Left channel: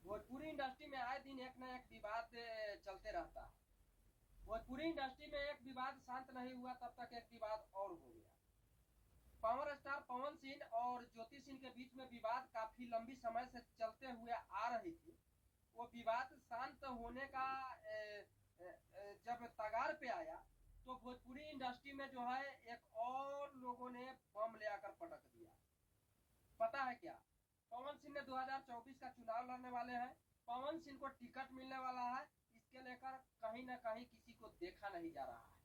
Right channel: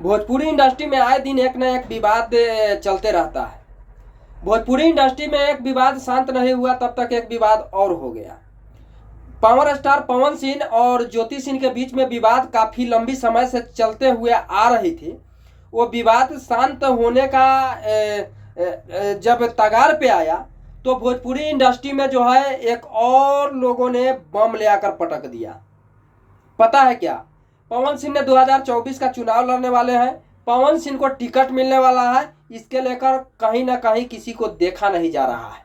Bhojpuri industry में आए दिन एक न एक विवाद चलते रहता है। भोजपुरी इंडस्ट्री में एक विवाद शांत नहीं हुआ तब तक एक विवाद और हो गया। पावर स्टार पवन सिंह और ज्योति सिंह के बीच में विवाद काफी लंबी समय से चलते हुए आ रही थी। वो विवाद शांत होने का जब तगार पे आया तो भोजपुरी इंडस्ट्री में जो है एक और लोगों ने बम ले आकर पटक दिया। पता है क्या? पवन सिंह ने 2024 का चुनाव लड़ने वाले हैं। पवन सिंह को टिकट मिलने वाला है। इसके लेकर कहीं ना कहीं किसी को देखा नहीं जा रहा है।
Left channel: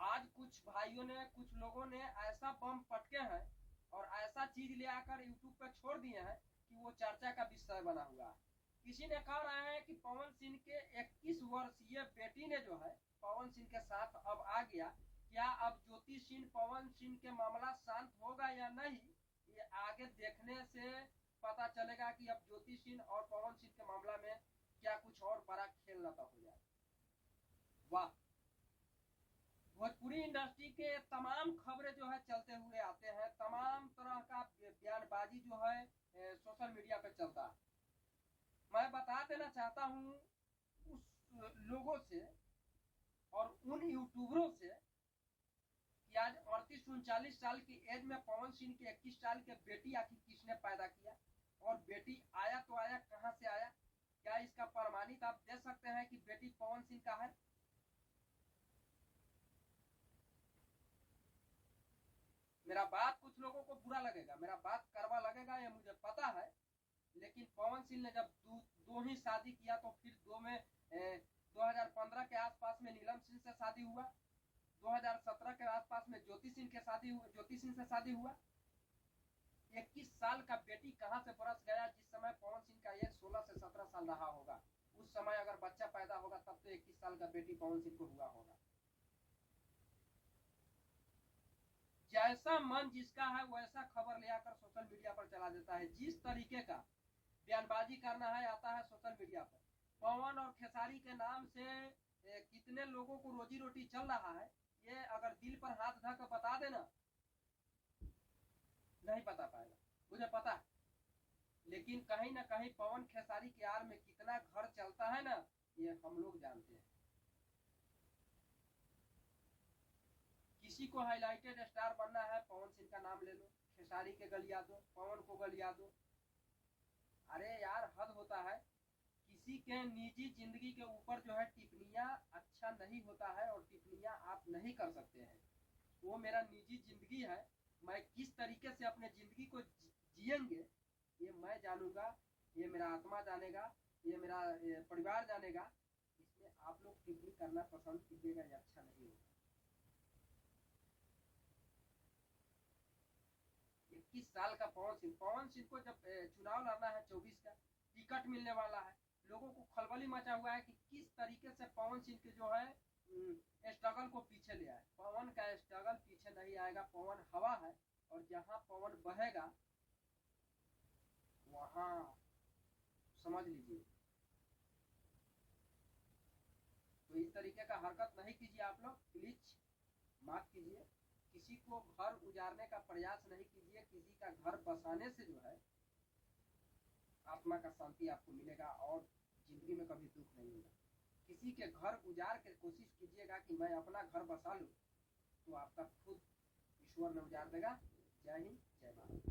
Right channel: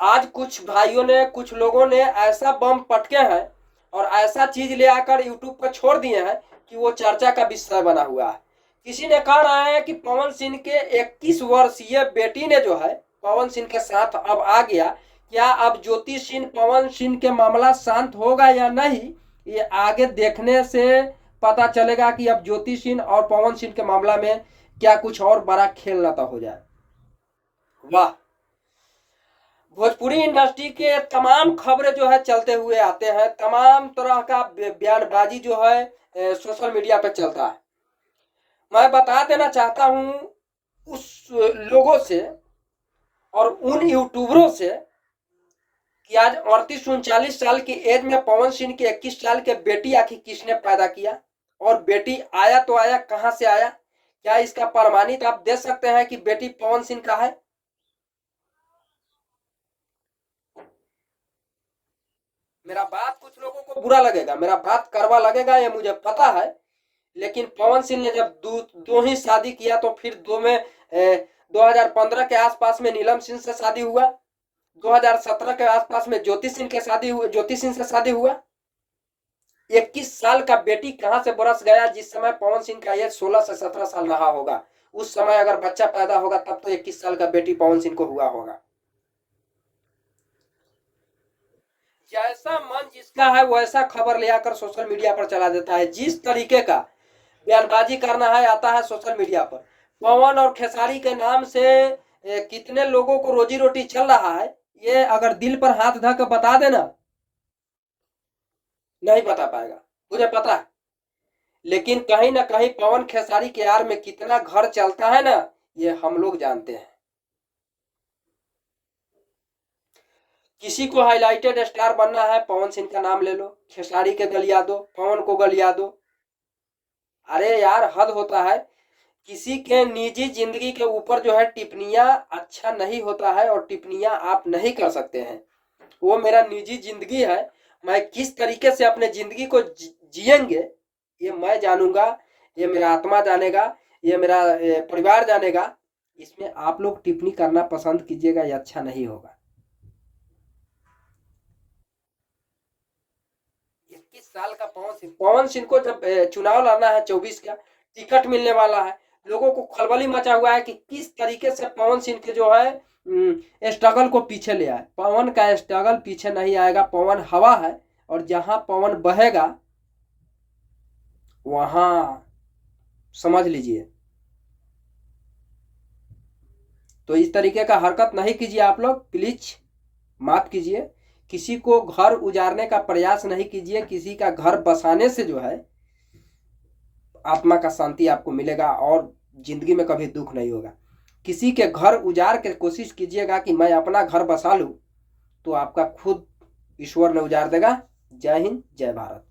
आज कुछ भाइयों ने, कुछ लोगों ने ऐसा बम पटके हैं और ऐसा चीज ले आकर यूट्यूब पर छोड़ दिए हैं कि वो चर्चा का विषय बना हुआ है। किसी ने कहा रहा है कि पवन सिंह के 21 वर्षीय बेटी ने जो है पवन सिंह के साथ अब आ गया। क्या अब ज्योति सिंह पवन सिंह के मामला शांत होगा या नहीं, ये आगे देखने से पता चलेगा कि अब ज्योति सिंह और पवन सिंह के मामला में क्या कुछ और बड़ा खेल न तो हो जाए। वाह! भोजपुरी इंडस्ट्री के तमाम खबरें जो है चलते हुए आते हैं। तमाम तरह का बयानबाजी जो है सोशल मीडिया पे चलता है। मैं बता देना चाहता हूं उस लोगों से और उन यूट्यूबरों से कि आज 38-39 साल की एज में पवन सिंह की 21 साल के बेटी आखिर किसने पैदा किया, और बेटी आया तो आया कहां से आया? क्या इसका प्रमाणित आप दे सकते हैं कि बेटी पवन सिंह का है? मेरा बात कुछ लोगों को बुरा लगेगा, मेरा बात कड़वा लगेगा, ये मुझे पता है। लेकिन पवन सिंह ने जब दो ही शादी किया तो फिर 2015 के आसपास में नीलम सिंह से शादी हुआ। 2017 के आसपास में ज्योति सिंह से शादी हुआ। 21 साल का बेटी कहां से बरस गया? जिस समय पवन सिंह का एज 16 से 17 साल रहा होगा, उस समय अगर बच्चा पैदा होगा तब तो 21 साल का बेटी पवन सिंह को हुआ होगा। जैसा मन जिसका है वैसा खबर ले आकर सोशल मीडिया पर चला देता है। जिस तरीके का बयानबाजी करना है आता है सोशल मीडिया पर। पवन और खेसारी के नाम से कितने लोगों को रोजी रोटी चल रहा है, ये अगर दिल पर हाथ धर कर बता देना, नहीं बता पाएगा, मुझे पता है। लेकिन कहीं ना कहीं पवन खेसारी के यार में कितना घर चलता है ना, ये हम लोग जानते हैं। किसी को हाईलाइटेड स्टार बनना है, पवन सिंह का नाम ले लो, खेसारी के गलिया दो, पवन को गलिया दो। अरे यार, हद होता है। किसी के निजी जिंदगी के ऊपर जो है टिप्पणियां अच्छा नहीं होता है, और टिप्पणियां आप नहीं कर सकते हैं। वो मेरा निजी जिंदगी है। मैं किस तरीके से अपने जिंदगी को जिएंगे ये मैं जानूंगा, ये मेरा आत्मा जानेगा, ये मेरा परिवार जानेगा। इसमें आप लोग टिप्पणी करना पसंद कीजिएगा, ये अच्छा नहीं होगा। 21 साल का पवन सिंह को जब चुनाव लड़ना है 24 का, टिकट मिलने वाला है, लोगों को खलबली मचा हुआ है कि किस तरीके से पवन सिंह के जो है स्ट्रगल को पीछे ले आए। पवन का स्ट्रगल पीछे नहीं आएगा। पवन हवा है, और जहां पवन बहेगा वहां समझ लीजिए। तो इस तरीके का हरकत नहीं कीजिए आप लोग, प्लीज माफ कीजिए। किसी को घर उजाड़ने का प्रयास नहीं कीजिए। किसी का घर बसाने से जो है आत्मा का शांति आपको मिलेगा और जिंदगी में कभी दुख नहीं होगा। किसी के घर उजाड़ के कोशिश कीजिएगा कि मैं अपना घर बसा लूं, तो आपका खुद ईश्वर ने उजाड़ देगा। जय हिंद, जय भारत।